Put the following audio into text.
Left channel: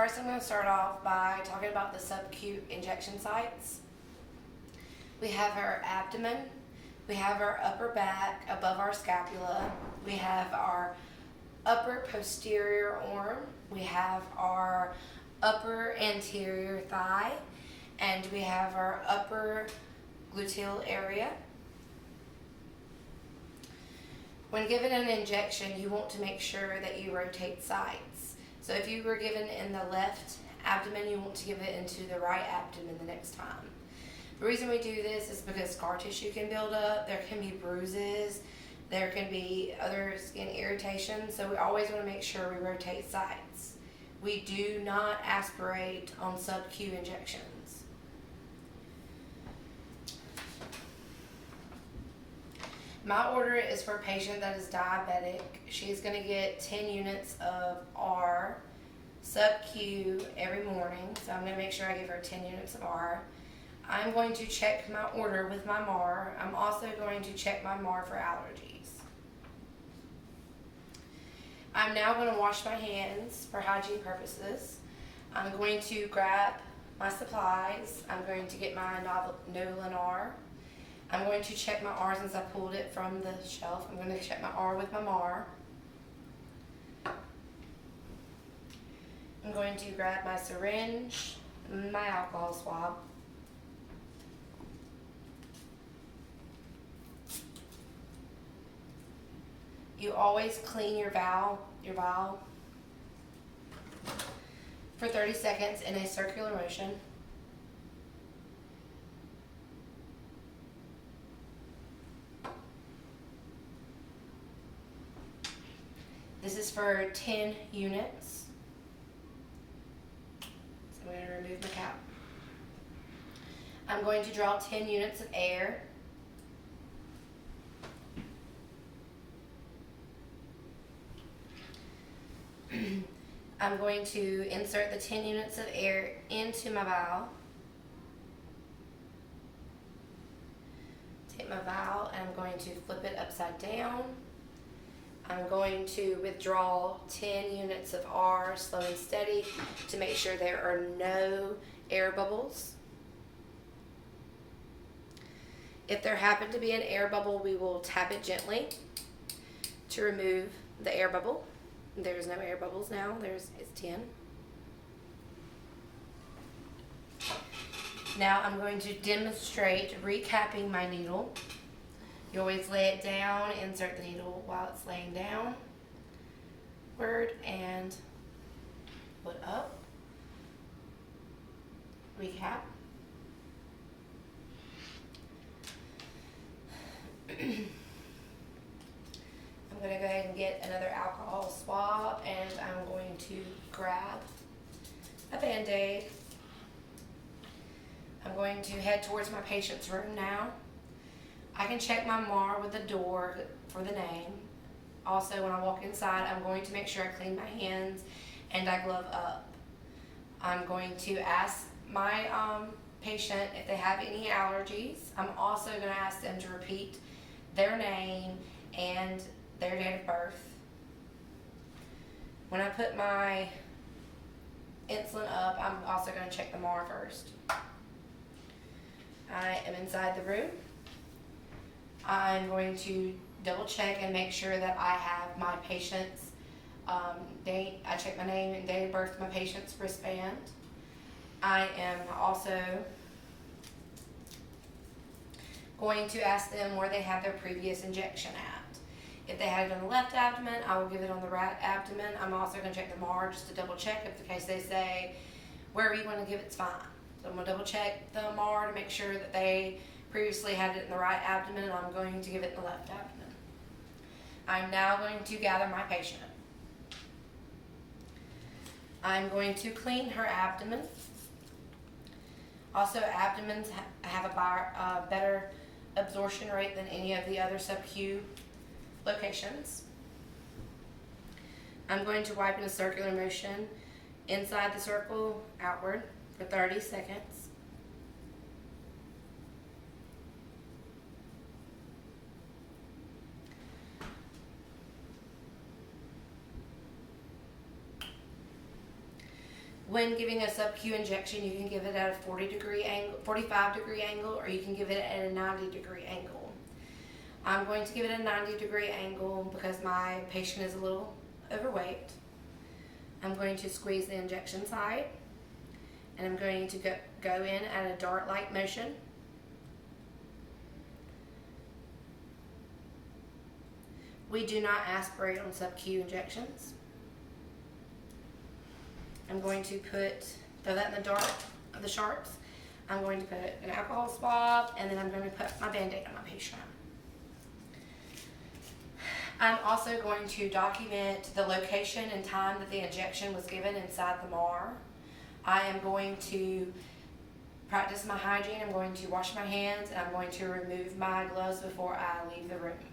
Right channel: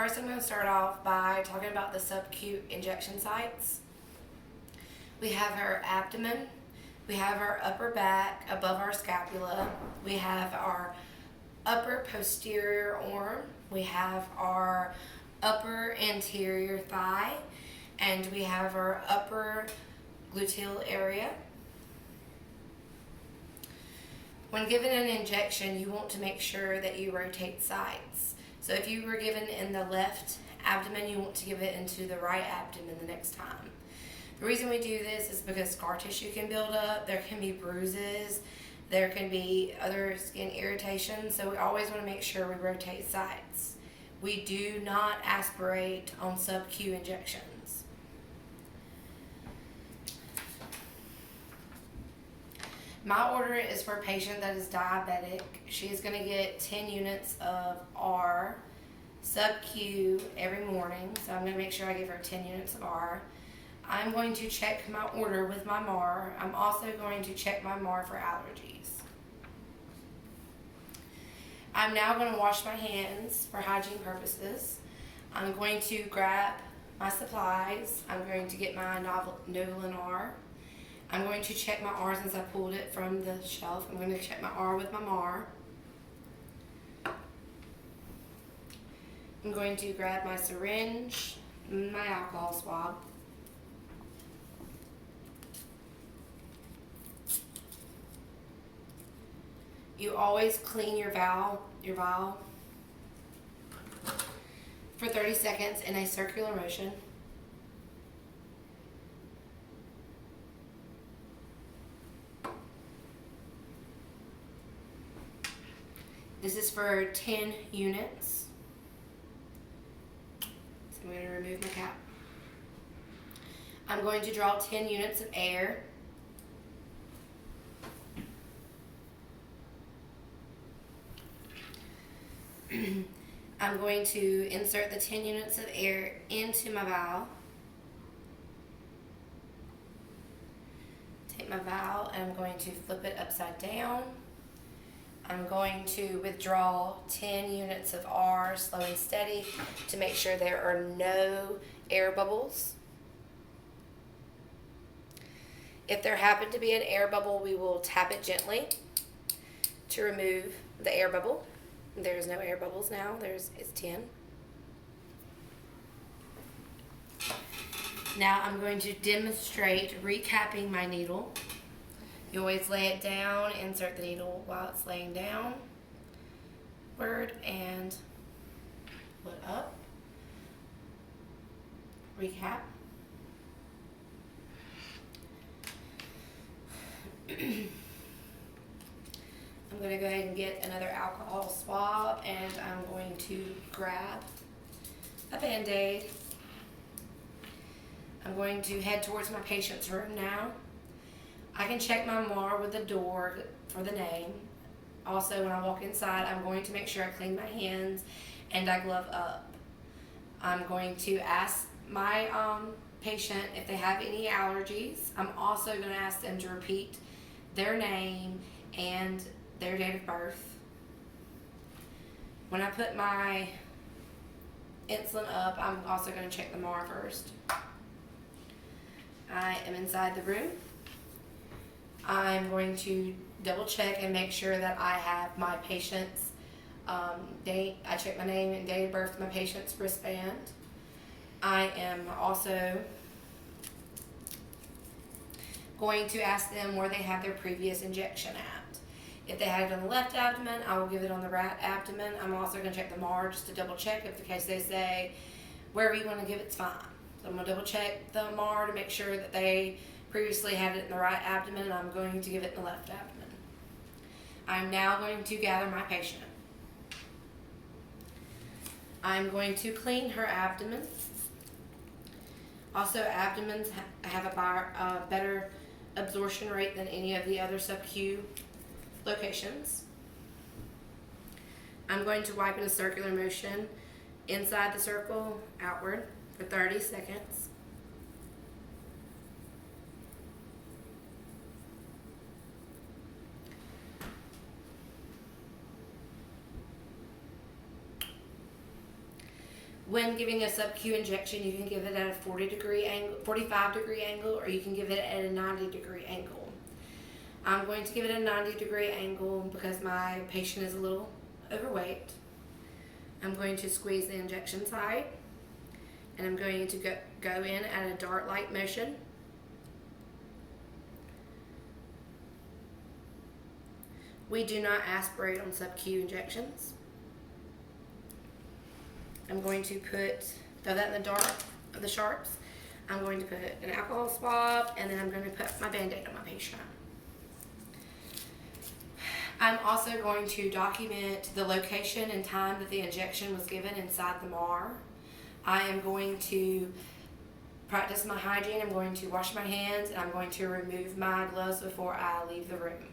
First, I'm going to start off by talking about the subacute injection sites. We have our abdomen, we have our upper back above our scapula, we have our upper posterior arm, we have our upper anterior thigh, and we have our upper gluteal area. When given an injection, you want to make sure that you rotate sides. So if you were given in the left abdomen, you want to give it into the right abdomen the next time. The reason we do this is because scar tissue can build up, there can be bruises, there can be other skin irritation, so we always want to make sure we rotate sides. We do not aspirate on sub-Q injections. My order is for a patient that is diabetic. She's going to get 10 units of R sub-Q every morning, so I'm going to make sure I give her 10 units of R. I'm going to check my order with my MAR. I'm also going to check my MAR for allergies. I'm now going to wash my hands for hygiene purposes. I'm going to grab my supplies. I'm going to get my Novolin R. I'm going to check my R since I pulled it from the shelf. I'm going to check my R with my MAR. I'm going to grab my syringe, my alcohol swab. You always clean your vial for 30 seconds in a circular motion. This is for 10 units. So I'm going to remove my cap. I'm going to draw 10 units of air. I'm going to insert the 10 units of air into my vial. Take my vial and I'm going to flip it upside down. I'm going to withdraw 10 units of R slow and steady to make sure there are no air bubbles. If there happen to be an air bubble, we will tap it gently to remove the air bubble. There's no air bubbles now. It's 10. Now I'm going to demonstrate recapping my needle. You always lay it down, insert the needle while it's laying down, and put up. Recap. I'm going to go ahead and get another alcohol swab, and I'm going to grab a Band-Aid. I'm going to head towards my patient's room now. I can check my MAR with the door for the name. Also, when I walk inside, I'm going to make sure I clean my hands and I glove up. I'm going to ask my patient if they have any allergies. I'm also going to ask them to repeat their name and their date of birth. When I put my insulin up, I'm also going to check the MAR first. I am inside the room. I'm going to double check and make sure that I have my patient's date. I check my name and date of birth of my patient's wristband. I am also going to ask them where they had their previous injection at. If they had it on the left abdomen, I will give it on the right abdomen. I'm also going to check the MAR just to double check if the case they say wherever you want to give it's fine. So I'm going to double check the MAR to make sure that they previously had it in the right abdomen, and I'm going to give it in the left abdomen. I'm now going to gather my patient. I'm going to clean her abdomen. Also, abdomens have a better absorption rate than any of the other sub-Q locations. I'm going to wipe in a circular motion inside the circle, outward, for 30 seconds. When giving a sub-Q injection, you can give it at a 40-degree angle, 45-degree angle, or you can give it at a 90-degree angle. I'm going to give it a 90-degree angle because my patient is a little overweight. I'm going to squeeze the injection site, and I'm going to go in at a dart-like motion. We do not aspirate on sub-Q injections. I'm going to throw that in the dart of the sharps. I'm going to put an alcohol swab, and then I'm going to put my Band-Aid on my patient. I'm also going to document the location and time that the injection was given inside the MAR. I am going to practice my hygiene. I'm going to wash my hands, and I'm going to remove my gloves before I leave the room.